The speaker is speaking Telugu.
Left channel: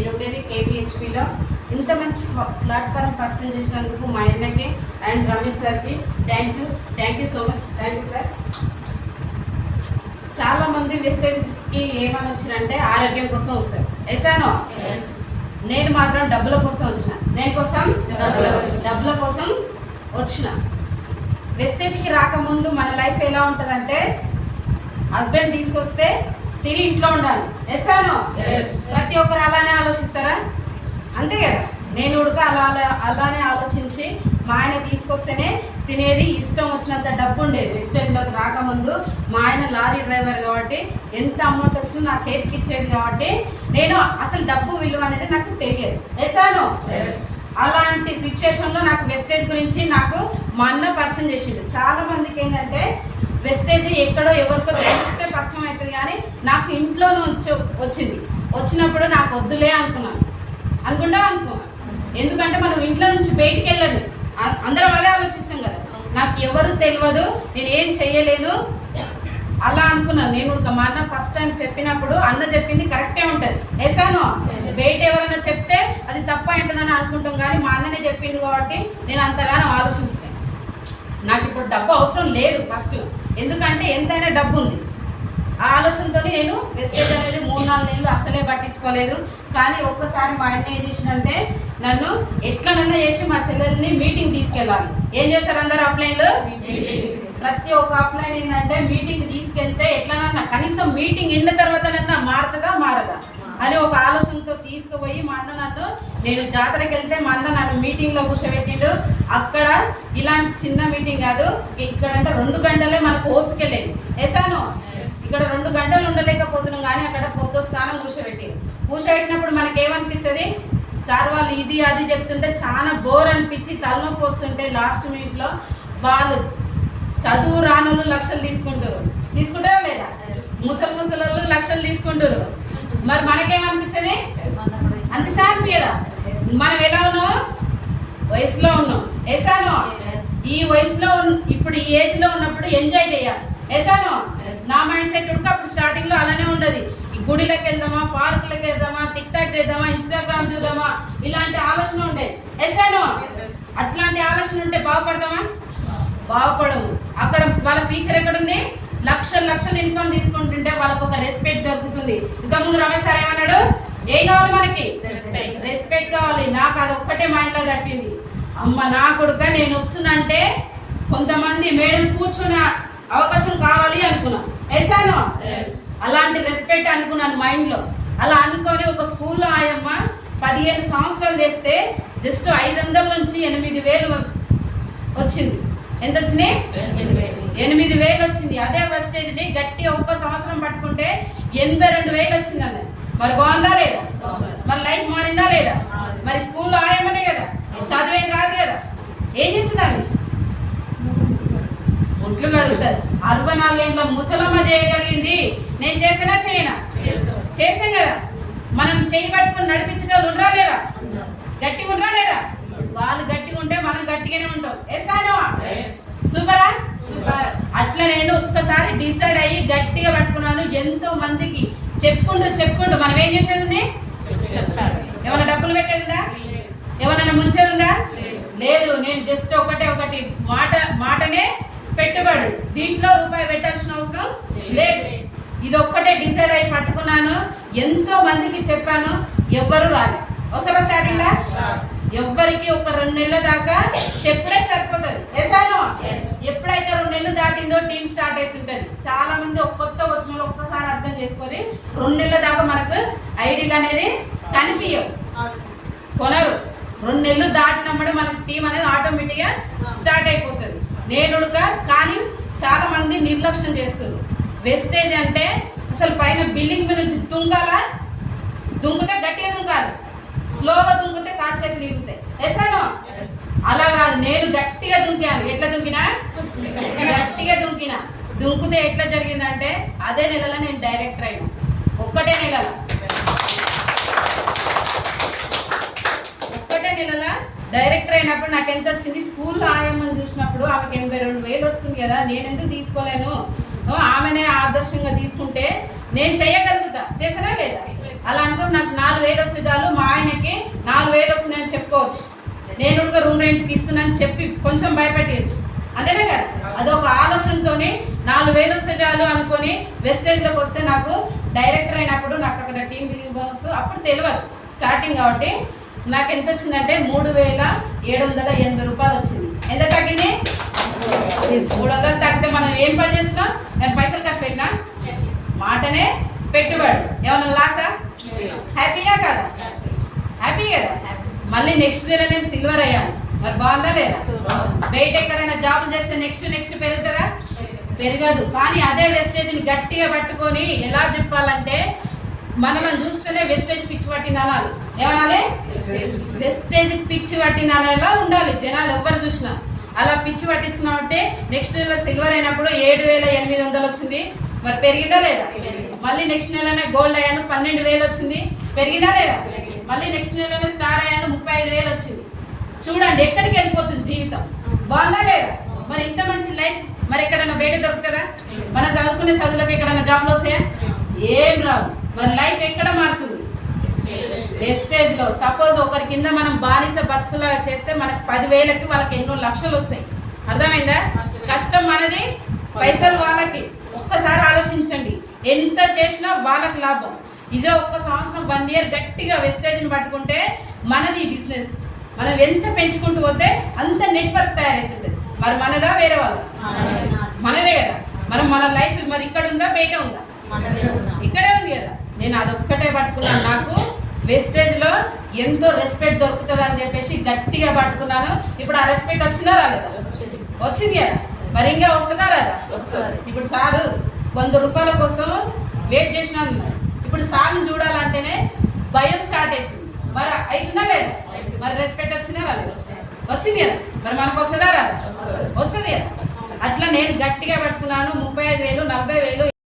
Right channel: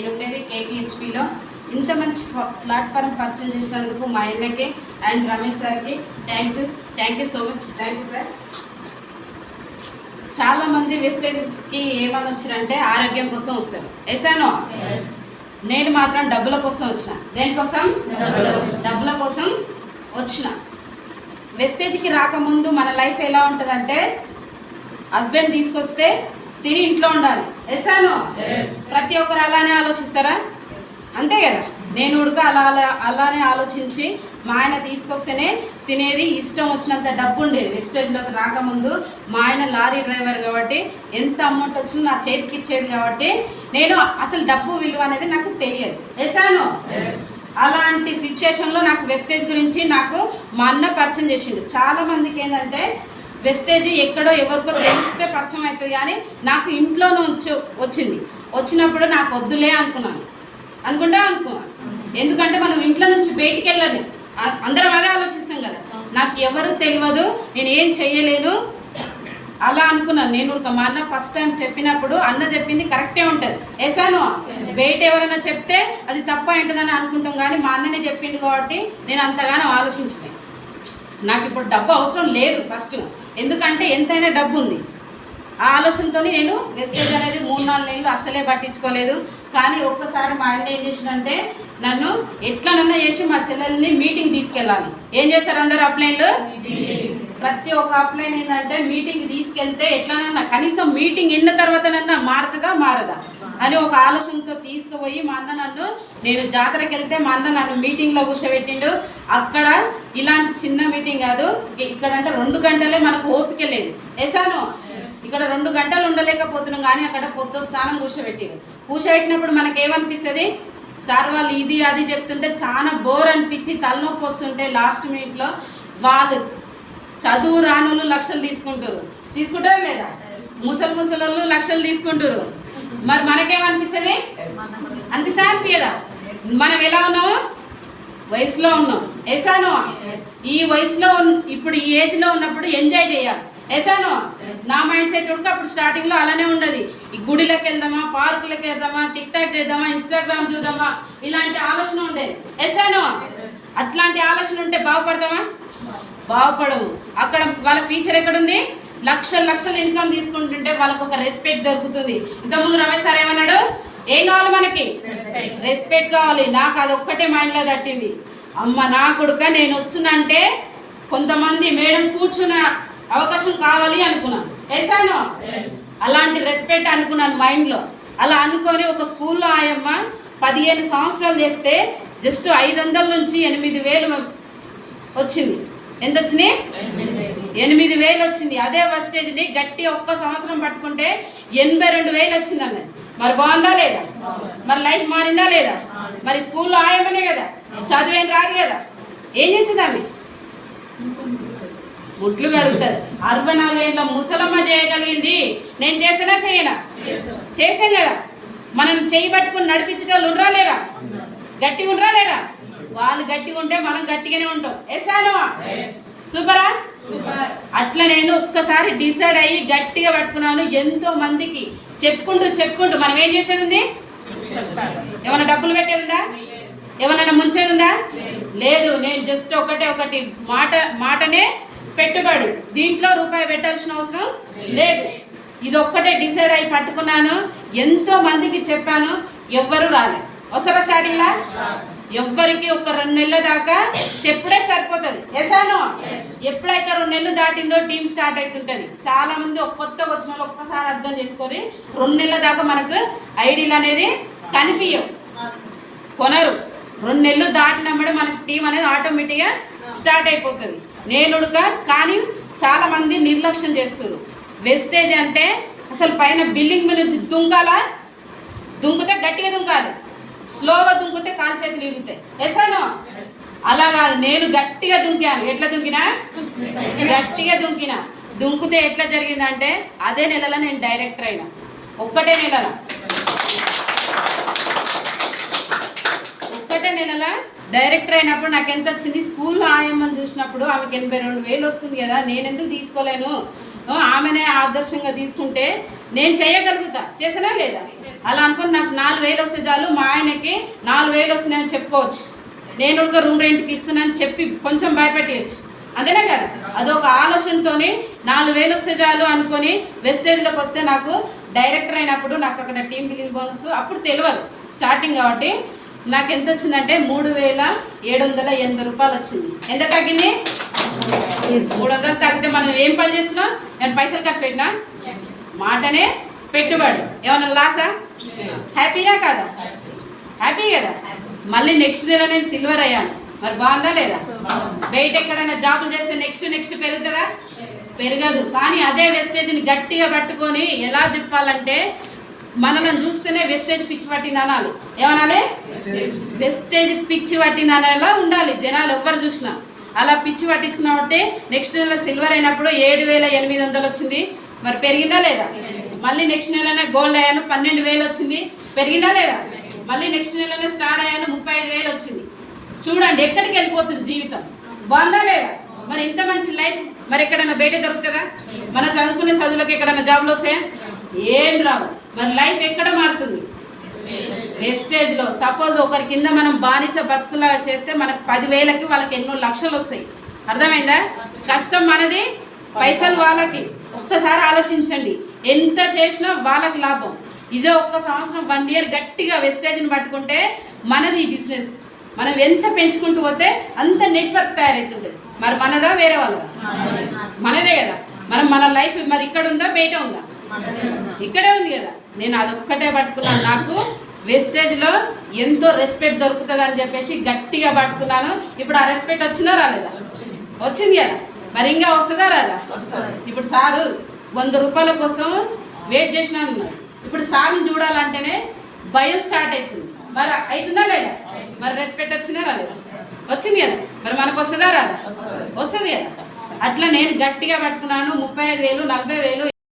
నేను ఉండేది KPHPలో. ఇంత మంచి ప్లాట్ఫారం పరిచయం చేసినందుకు మా అన్నకి అండ్ రమేష్ సార్కి thank you so much. Thank you sir. చాలామంది వెస్టేజ్కి ఏమని వచ్చినంటే ఆరోగ్యం కోసం వస్తారు. వేసాను. నేను మాత్రం డబ్బుల కోసం వచ్చిన. దేనికోసం? డబ్బుల కోసం వచ్చిన. వెస్టేజ్కి రాకముందు మన లైఫ్ ఎలా ఉంటుందంటే హస్బెండ్ తీసుకొస్తే తిని ఇంట్లో ఉండాలి. వేసాను. ప్రతి ఒక్కరు అలానే ఆలోచిస్తారా? అంతే కదా. నేను ఉడక అలానే ఆలోచించి మా ఆయన తీసుకొస్తేనే తినేది. ఇష్టం వచ్చినంత డబ్బు ఉండేది. వెస్టేజ్లోకి రాకముందు మా ఆయన లారీ డ్రైవర్ కాబట్టి ఎంత అమౌంట్ వచ్చినా నా చేతికి ఇచ్చేది కాబట్టి నేను అసలు డబ్బు విలువ అనేది నాకు తెలియదు. వేసాను. అలాంటి సిచ్యుయేషన్లో నాకు వెస్టేజ్ గురించి నాకు మా అన్న పరిచయం చేసిండు. చాలామందికి ఏంటంటే వెస్టేజ్ ఎక్కడో ఎవరికో తెలిస్తే పరిచయం అవుతుంది, కానీ నాకు ఇంట్లో నుంచి వచ్చినప్పుడు నాకు వద్దులే అనుకున్నాను. ఎందుకంటే మనం ఇంట్లో నుంచి బయటికి వెళ్ళదు. అందరం అదే ఆలోచిస్తాం కదా. నాకు ఎవరు తెలియదు, నేను ఏం చెయ్యలేను అలా అనుకున్నాను. నేను మా అన్న ఫస్ట్ టైం చెప్పినప్పుడు అన్న చెప్పింది కరెక్టే ఉంటుంది. వేసాను. బయట ఎవరైనా చెప్తే అది తప్ప ఉంటుందని అనుకుంటాం, కానీ మా అన్ననే చెప్పింది కాబట్టి నేను అంతగానో ఆలోచించలేదు. నాకు ఇప్పుడు డబ్బు అవసరం లేదు ఫస్ట్, ఎందుకంటే ఎంతైనా డబ్బు ఉంది. ఆ ఆలోచనతో నేను వెస్టేజ్ అనేది 3-4 నెలలు అసలే పట్టించుకోలేదు. కానీ ఒక్కసారి మా ఆయన ఏం చేసినంటే నన్ను ఎట్లనన్నా చేసి మా చెల్లెల్ని మీటింగ్ తీసుకెళ్ళాలి. ఏం చేశారు అందరు అప్లైన్లు? ప్రతి ఒక్క అప్లైన్ ఏంటంటే మీటింగ్ తీసుకెళ్తే ఎట్లనన్నా కనీసం మీటింగ్ విన్న తర్వాతనన్నా మారదా అని ఒక ఆలోచనతో తీసుకుపోయి మా అన్న నన్ను, నేను జాతరకి వెళ్తే మా అన్న నన్ను మీటింగ్లో కూర్చోబెట్టిండు. అక్కడ ఇలాంటి చిన్న మీటింగ్ కాదు, ఇక్కడంటే 2 గంటలే మనకు ఓపిక లేదు. వేసాను. ఇక్కడ 2 గంటలు ఉండలేకపోతున్నాం, కానీ అక్కడ పొత్తు స్థానం కూర్చోబెట్టినప్పుడు మనకేమనిపిస్తుంది? సార్ వాళ్ళు ఇది అది చెప్తుంటే చాలా బోర్ అనిపించి తలనొప్పి వస్తుంటే లాస్ట్ మినిట్లో వాళ్ళు చదువు రానులు లక్షలు తీసుకుంటారా లేదా? ముసలు లక్షలు తీసుకుంటారు. మరి మనకేమనిపిస్తుంది? అనిపియదా? మనం ఎలా ఉన్నాము? వయసులో ఉన్నాం. వేసాను. ఈ వయసులో ఇప్పుడు ఈ ఏజ్లో ఉన్నప్పుడు ఎంజాయ్ చేయాలి. వేసాను. నా మైండ్ సెట్ ఉడక అప్పుడు స్టార్టింగ్లో అలానే ఉండదు. ఈ గుడిలోకి వెళ్దామా, పార్కులకు వెళ్దామా, టిక్టాక్ చేద్దామా, ఇన్స్టాగ్రామ్ చూద్దామా, ఇలాంటి ఆలోచన ఉండేది. వేసాను. అట్లాంటి ఆలోచన ఉంటే బాగుపడము. అక్కడ వాళ్ళ ఫ్యూచర్ ఎక్కడుంది? లక్షలు ఇన్కమ్ తీసుకుంటుంటే వాళ్ళకు ఒక రెస్పెక్ట్ దొరుకుతుంది. ఇంతకుముందు రమేష్ సార్ ఏమన్నాడు? ఏం కావాలి మనకి? రెస్పెక్ట్ కావాలి. నాకు అదొక్కటే మైండ్లో తట్టింది. అమ్మ నా కొడుక నేను వస్తున్నా అంటే కొంతమంది మేడం కూర్చున్న అవకాశం కావాలి అనుకున్నాను. వేసాను. అలాంటి రెస్పెక్ట్ అనుకున్నాను మైండ్లో. అలా అనుకొని ఒక స్కూల్లో ఆయమ్మ 15 సంవత్సరాలు చేస్తే జస్ట్ 500 నుంచి 8,000 వచ్చింది. ఎంత వచ్చింది? 8,000 వచ్చింది. అదే వెస్టేజ్ని గట్టి ఒక్క సంవత్సరం పట్టుకుంటే 82,000 వచ్చింది అన్నది. మరి బాగుందా లేదా? మరి లైఫ్ మారిందా లేదా? మరి స్కూల్లో ఆయమ్మనే కదా, చదివేం రాదు కదా. ఏం చేసింది ఆమె? ఒట్లు కడుగుతుంది. 64 ఏళ్ళ ముసలమ్మ చేయగలిగింది. నేను చేసినా చేయనా? చేసాం కదా. మనం చేయి పట్టుకుని నడిపించే వాళ్ళు ఉండరా లేరా? గట్టిగా ఉండరా లేరా? వాళ్ళు గట్టిగా ఉంటే మనం గట్టిగానే ఉంటాం. వేసాను. సూపరా? సూపర్. అట్లా నేను ఒక్కసారి డిసైడ్ అయ్యి గట్టిగా పట్టుకున్నాను. ఎంతో మందికి చెప్పుకుంటూ మనం ఏం చేసేది ఉంది? ఏమైనా డబ్బులు పెట్టేది ఉందా? ఏమన్నా ముంచేది ఉందా? లేదు. నేను జస్ట్ ఒకటి మాటనే పెట్టుబడి. దీంట్లో రూపాయి పెట్టాల్సిన అవసరం లేదు. ఇది ఒక్కటే డిసైడ్ అయ్యి పట్టుకున్నాను. ఎంతో మందికి చెప్పాను, ఎవ్వరు రాలే. వస్తారా స్టార్టింగ్లా? ఎవ్వరికి ఒక 2 నెలల దాకా చెప్పుడే సరిపోతుంది. వేసాను. ఎప్పుడైతే 2 నెలలు దాటిందో టీం స్టార్ట్ అవుతుంటుంది. చాలా మంది కొత్తగా వచ్చిన వాళ్ళు ఒక్కసారి అర్థం చేసుకొని 2 నెలల దాకా మనకు ఐడీలు అనేది కనిపించవు, కొనరు. 2 నెలలు దాటినప్పుడు మనకు టీం అనేది ఆటోమేటిక్గా స్టార్ట్ అయిపోతుంది. కానీ చాలా మంది నిర్లక్ష్యం చేస్తారు. వెస్టేజ్ అంటే అసలు పైన బిల్డింగ్ మీద నుంచి దుంకుతే గట్టిగా దుంకాలి, స్లోగా దుంకుతే కాలు చేతులు ఇరుగుతాయి. వేసాను. అలా కాదు, నేను గట్టిగా దుంకాను. ఎట్లా దుంకినా? గట్టిగా దుంకితే ఎట్లా జరిగిందంటే అదే నెలలో నేను డైరెక్టర్ అయినా. ఒక్కటే నెలల డైరెక్టర్ అయినప్పుడు నాకు ఎంత వచ్చింది? స్కూల్లో ఆయమ్మని చూసినప్పుడు ఆమెకి 82,000 వస్తుంది కదా, నేను ఎందుకు తీసుకోలేను? ఆమెనే ఆదర్శంగా తీసుకుంటే నేను చేయగలుగుతా. చేసానా లేదా? అలా అనుకుని నాకు 4,000 4,000 వస్తే చాలు మా ఆయనకి 4,000 వస్తున్నాయని చెప్పుకోవచ్చు. నేను ఒక రూమ్ రెంట్కి ఇస్తున్నాను చెప్పి కొంచెం భయపెట్టేయచ్చు. అంతేనే కదా, అదొక ఆలోచనతోని 4,000 వస్తే చాలు అనుకొని వెస్టేజ్లోకి వస్తే నాకు డైరెక్టర్ అయినప్పుడు నాకు అక్కడ టీమ్ బిల్డింగ్ బోనస్ అప్పుడు తెలియదు స్టార్టింగ్ కాబట్టి నాకు ఎంత వచ్చిందంటే 3,780 రూపాయలు వచ్చింది. ఎంత తగ్గింది? 300 తగ్గితే మనం ఏం పని చేస్తున్నాం? నేను పైసలు ఖర్చు పెట్టినా మాటనే పెట్టుబడి ఏమన్నా లాసా? హ్యాపీగా కదా? హ్యాపీ కదా. మళ్ళీ నెక్స్ట్ నెల నేను సిల్వర్ అయ్యాను. మరి బాగుందా లేదా? బయట ఎక్కడైనా జాబులు చేస్తే నెక్స్ట్ పెరుగుతుందా? పెరగదు. కానీ అదే వెస్టేజ్ని గట్టిగా పట్టుకొని ఎలా చెప్పాలంటే మనల్ని చూస్తేనే వెస్టేజ్ పిచ్చి పట్టింది అనాలి. ఏమనాలి? వెస్టేజ్ పిచ్చి పట్టింది అనేలా ఉండాలి జనాలు ఎవ్వరు చూసినా. అలా పిచ్చి పట్టించుకున్నామంటే నెక్స్ట్ నెల సిల్వర్ అయినప్పుడు 7,800 వచ్చింది. మరి పెరిగిందా లేదా? మళ్ళీ నెక్స్ట్ నెలనే గోల్డ్ అయ్యాను 12,000 వచ్చింది. పెరిగిందా లేదా? మళ్ళీ నెక్స్ట్ నెలనే స్టార్ అయ్యాను 35,000 వచ్చింది. చూడండి ఎక్కడికి వెళ్ళిపోతుంది జీవితం. బాగుందా లేదా? మరి ఇంత మంచి లైఫ్ మరి ఎక్కడైనా బయట దొరుకుతుందా? మన చదువుకునే చదువులకు ఎక్కడైనా జాబ్లు వస్తాయా? ఏం రావు. మరి లైఫ్ ఎక్కడ మారుతుంది? వెస్టేజ్లో. సపోజ్ ఒకరి కింద మనం బానిస బతుకులా చేస్తే మనకు 10,000కి వాళ్ళకి ఎన్నో లక్షలు వస్తాయి. అర్థమైందా? కష్టం మనది, పైసలు వాళ్ళకి. ఒక్కసారి ఆలోచించండి, ఎంత చేసినా వాళ్ళకి లాభం. ఇదే ఒక్క సంవత్సరం 1 year గట్టిగా వెస్టేజ్ని పట్టుకుంటే మనది ఈ బిజినెస్. మనం ఎంత పెంచుకుంటూ పోతే అంత నెట్వర్క్ తయారవుతుంటుంది. మరి మనదా వేరే వాళ్ళ? మనదే కదా. మన లైఫ్ మరి ఇక్కడ ఉందా బయట ఉందా? ఇక్కడే ఉంది కదా. నేను అది ఒక్కటే పట్టుకున్నాను. నాకు వెస్టేజ్లో ఎంతో రెస్పెక్ట్ దొరుకుతుంది అని చెప్పేసి గట్టిగా పట్టుకున్నాను. ఇప్పుడు ఆ రెస్పెక్ట్ వచ్చిందా రాలేదా? వచ్చింది కదా. మరి ఇంకా వస్తుందా రాదా? ఇప్పుడు సారు 100 రూపాయల కోసం వెయిట్ చేసినా అన్నాడు. ఇప్పుడు సార్ని చూడాలంటేనే భయం స్టార్ట్ అవుతుంది. మరి అవుతుందా లేదా? మరి రెస్పెక్ట్ వచ్చిందా రాలేదా? వచ్చింది కదా. మరి మనకు వస్తుందా రాదా? వస్తుంది కదా. అట్లా నేను గట్టిగా పట్టుకున్నాను. 35,000, 40,000,